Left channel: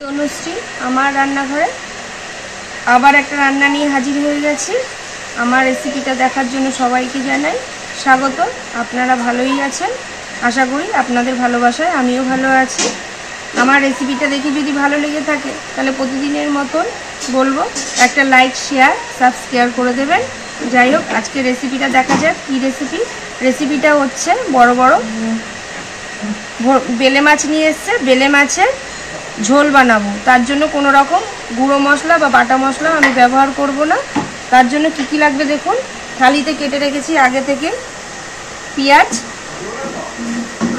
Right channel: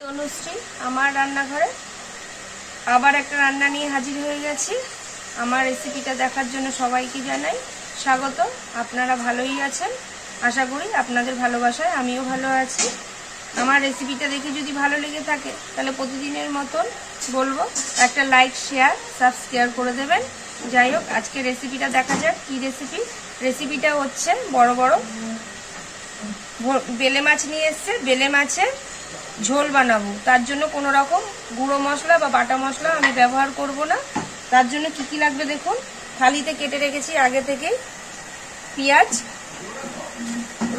তনুশ্রী আমার রান্নাঘরে আবার একটা রান্না নিয়ে হাজির হয়ে গেছি। আমার রেসিপিটা দেখার জন্য সবাইকে জানাই স্বাগত। আপনারা ভালোই আছেন, আশা করি আপনাদের ভালোবাসায় আমিও ভালো আছি। আমার রেসিপিটা দেখে যদি ভালো লেগে থাকে তাহলে প্রতিদিনের মতন বলবো একটা লাইক, শেয়ার, সাবস্ক্রাইব করে দেবেন। যাই হোক, আজকে রেসিপিটা দেখা যাক কী রেসিপিটা হচ্ছে বড় বড় বেলে মাছ নিয়ে এসছে। বেলে মাছের ঝোল বানাবো। তার জন্য কোনো রকম গুঁড়ো মশলা বা বাটা মশলা আমি ব্যবহার করব না। তার জন্য কি কি লাগবে দেখুন। থালিতে কেটে রেখেছি আগে থেকে পেঁয়াজ,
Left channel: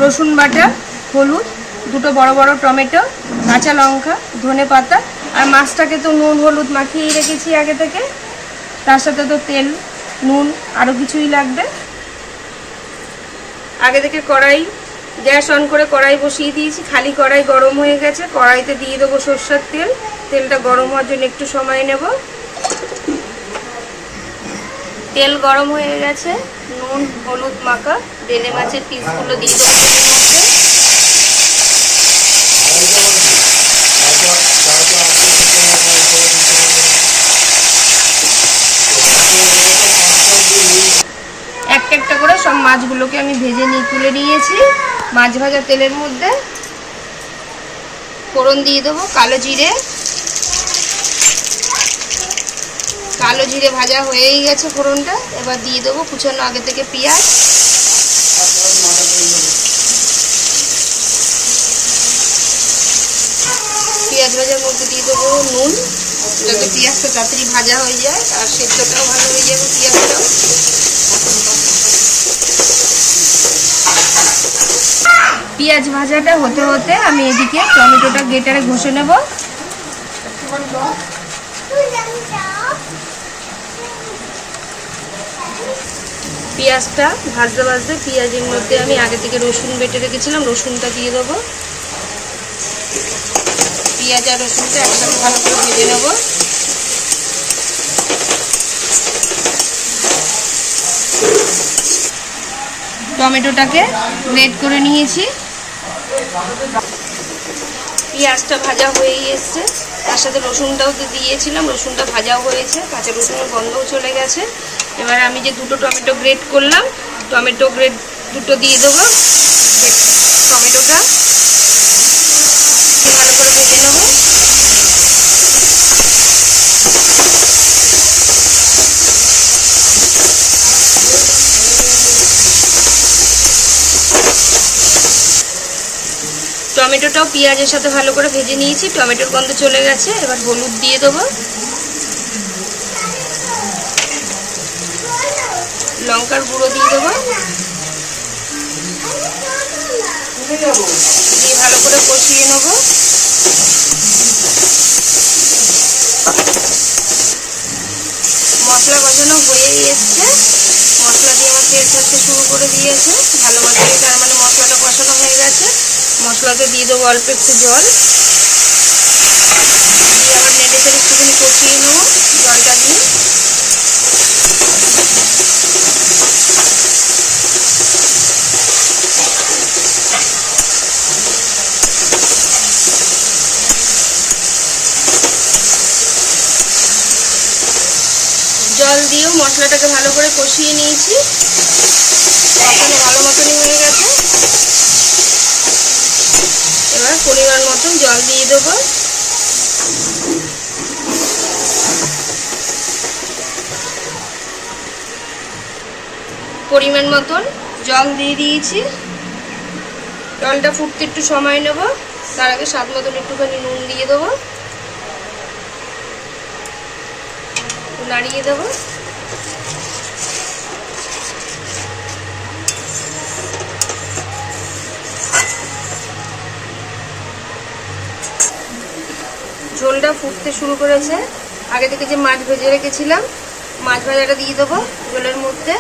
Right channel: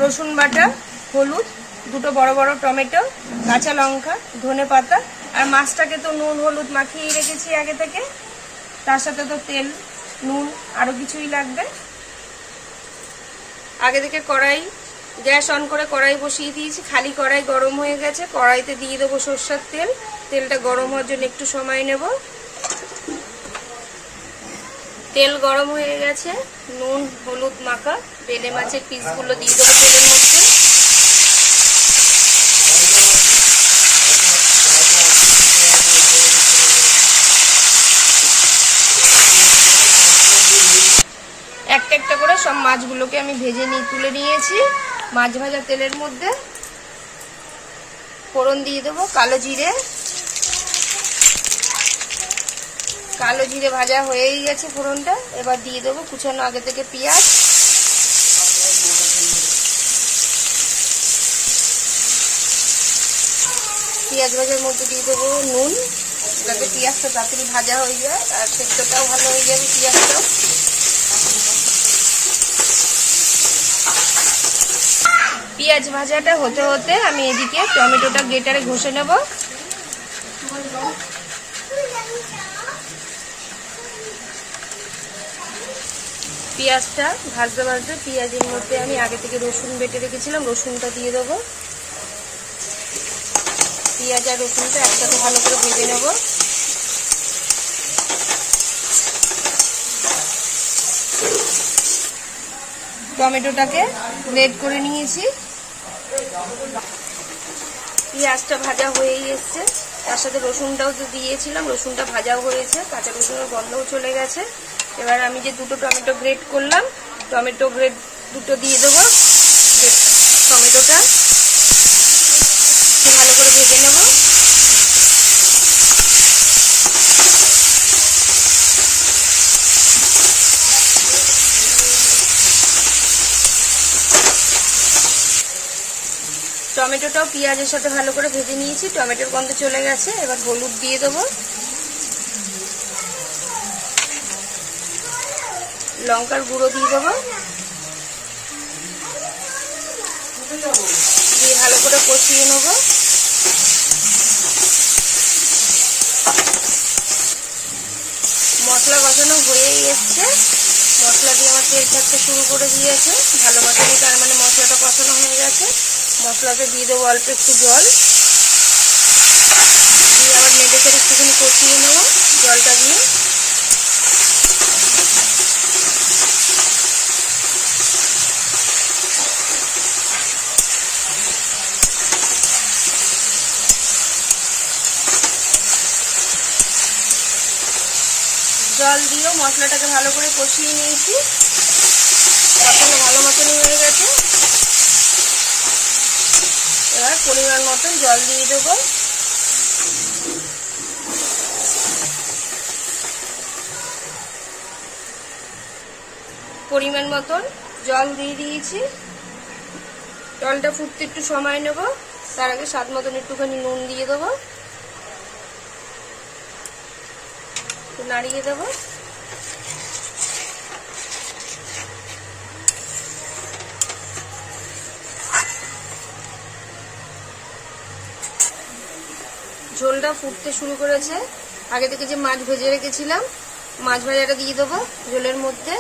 রসুন বাটা, হলুদ, দুটো বড় বড় টমেটো, কাঁচা লঙ্কা, ধনে পাতা, আর মাছটাকে তো নুন হলুদ মাখিয়ে রেখেছি আগে থেকে। তার সাথে তো তেল, নুন, আরও কিছুই লাগবে। আগে থেকে গ্যাস অন করে কড়াই বসিয়ে দিয়েছি। খালি কড়াই গরম হয়ে গেছে। কড়াইতে দিয়ে দেবো সরষের তেল। তেলটা গরম হওয়ার জন্য একটু সময় নেব। তেল গরম হয়ে গেছে। নুন হলুদ মাখা বেলে মাছের পিসগুলো দিয়ে দেবো তেলের মধ্যে। একটা একটা করে সব মাছগুলোকে আমি ভেজে তুলে নিয়েছি। মাছ ভাজা তেলের মধ্যে ফোড়ন দিয়ে দেবো কালো জিরে। কালো জিরে ভাজা হয়েই গেছে ফোড়নটা। এবার দিয়ে দেবো কুচানো আগে থেকে পেঁয়াজ। পেঁয়াজ ভাজার মধ্যে দিয়ে দেবো নুন, যাতে পেঁয়াজটা তাড়াতাড়ি ভাজা হয়ে যায় আর সেদ্ধটাও ভালো হয়ে যাবে পেঁয়াজটাও। পেঁয়াজ ভাজাটা হতে হতে আমি এদিকে টমেটোটা গ্রেটারে ঘষে নেব। পেঁয়াজটা ভাজতে ভাজতে পেঁয়াজের মধ্যে আমি আগে থেকে রসুন বেটে রেখেছিলাম, রসুনটা দিয়ে দেবো। পেঁয়াজ আর রসুনটা একসাথে ভালো করে ভেজে নেব। টমেটোটাকে গ্রেট করে নিয়েছি। পেঁয়াজটা ভাজা হয়েই এসছে। তার সাথে রসুনটাও তো দিয়েছিলাম, রসুনটা ভাজাও হয়েছে, কাঁচা রসুনের গন্ধও চলে গেছে। এবার আমি যে দুটো টমেটো গ্রেট করলাম, টমেটো গ্রেট দুটো দিয়ে দেবো। টমেটোটা ভালো করে ভেজে নেব। টমেটোটাও পেঁয়াজের সাথে ভালো করে ভেজে নিয়েছি। টমেটোর গন্ধ চলে গেছে। এবার হলুদ দিয়ে দেবো, লঙ্কার গুঁড়ো দিয়ে দেবো, দিয়ে ভালো করে কষিয়ে নেব। মশলা কষানো হয়েই এসছে। মশলা দিয়ে আমার তেল ছাড়তে শুরু করে দিয়েছে ভালো মতো। তার মানে মশলাটা কষানো হয়ে গেছে। মশলাকে দিয়ে দেবো অল্প একটু জল, দিয়ে আবার নেড়ে চেড়ে একটুখানি কষিয়ে নেব জলটা দিয়ে। জল দিয়েও মশলাটাকে ভালো করে কষিয়ে নিয়েছি। এখন ভালো মতনই হয়ে গেছে। এবার পরিমাণ মতন জল দিয়ে দেবো। পরিমাণ মতন জল দিয়ে দিয়েছি। জলটা ফুটতে একটু সময় নেব। তার আগে স্বাদ মতন একটুখানি নুন দিয়ে দেবো, নাড়িয়ে দেবো। ঝোলটা ফুটতে শুরু করেছে। আগে থেকে যে মাছ ভেজে রেখেছিলাম, মাছ ভাজাটা দিয়ে দেবো ঝোলের মধ্যে।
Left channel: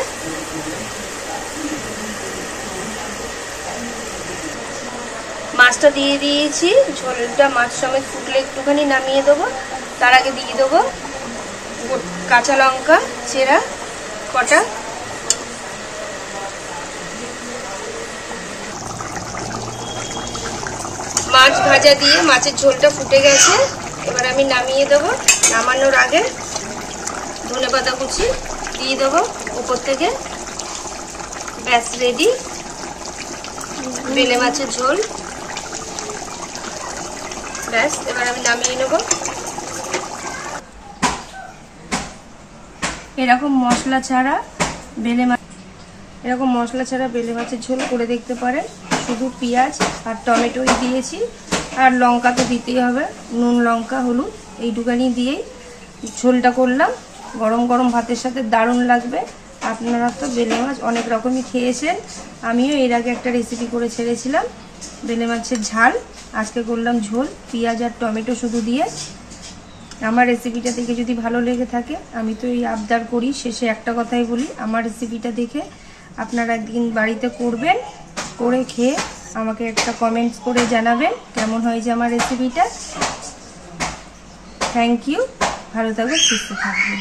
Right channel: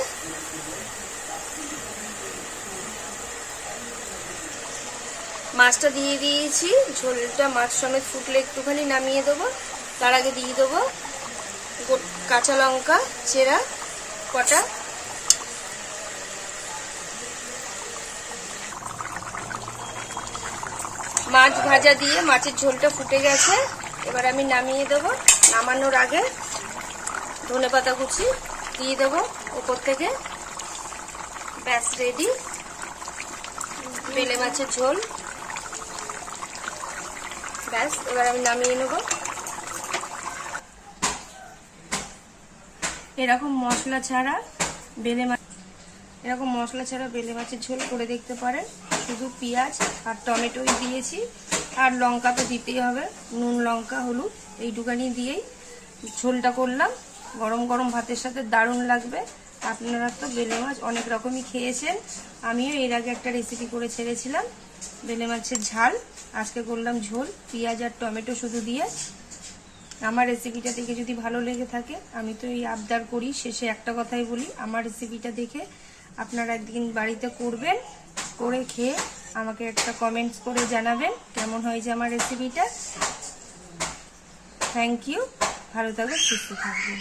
মাছটা দিয়ে দিয়েছি। ঝোলটা মাছ সমেত ফুটলে একটুখানি নামিয়ে দেবো। তার আগে দিয়ে দেবো কাঁচা লঙ্কা চেরা কটা, মাছ ভাজা দিয়ে মাছের ঝোলটা ফুটে গেছে। এবার আমি নামিয়ে দেবো। নামানোর আগে ধনেপাতা কুচি দিয়ে দেবো উপর থেকে। ব্যাস রেডি বেলে মাছের ঝোল। ব্যাস এবার আমি নামিয়ে নেব। এরকম মশলা ছাড়া বেলে মাছের ঝোল করে দেখতে পারেন। শুধু পেঁয়াজ আর টমেটোই দিয়েছি, আর লঙ্কা তো দিতেই হবে, নুন লঙ্কা হলুদ এইটুকানি দিয়েই ঝোলটা করলাম। গরম গরম ভাতের সাথে দারুণ লাগবে। আপনারা তো বেলে মাছ অনেক রকমই খেয়েছেন, আমিও এর আগে একটা রেসিপি করে ছেড়েছিলাম বেলে মাছের ঝাল। আজকে করলাম ঝোল পেঁয়াজ আর টমেটো শুধু দিয়ে। আমার রেসিপিটা দেখে যদি ভালো লেগে থাকে, আমি তো এই আবদার করি শেষে একটা কথাই বলি, আমার রেসিপিটা দেখে আপনারা একদিন বাড়িতে করবেন, করে খেয়ে আমাকে একটা কমেন্টস করে জানাবেন কেমন হয়েছে আমার রেসিপিটা। থ্যাংক ইউ, ভালো থাকবেন, সুস্থ থাকবেন।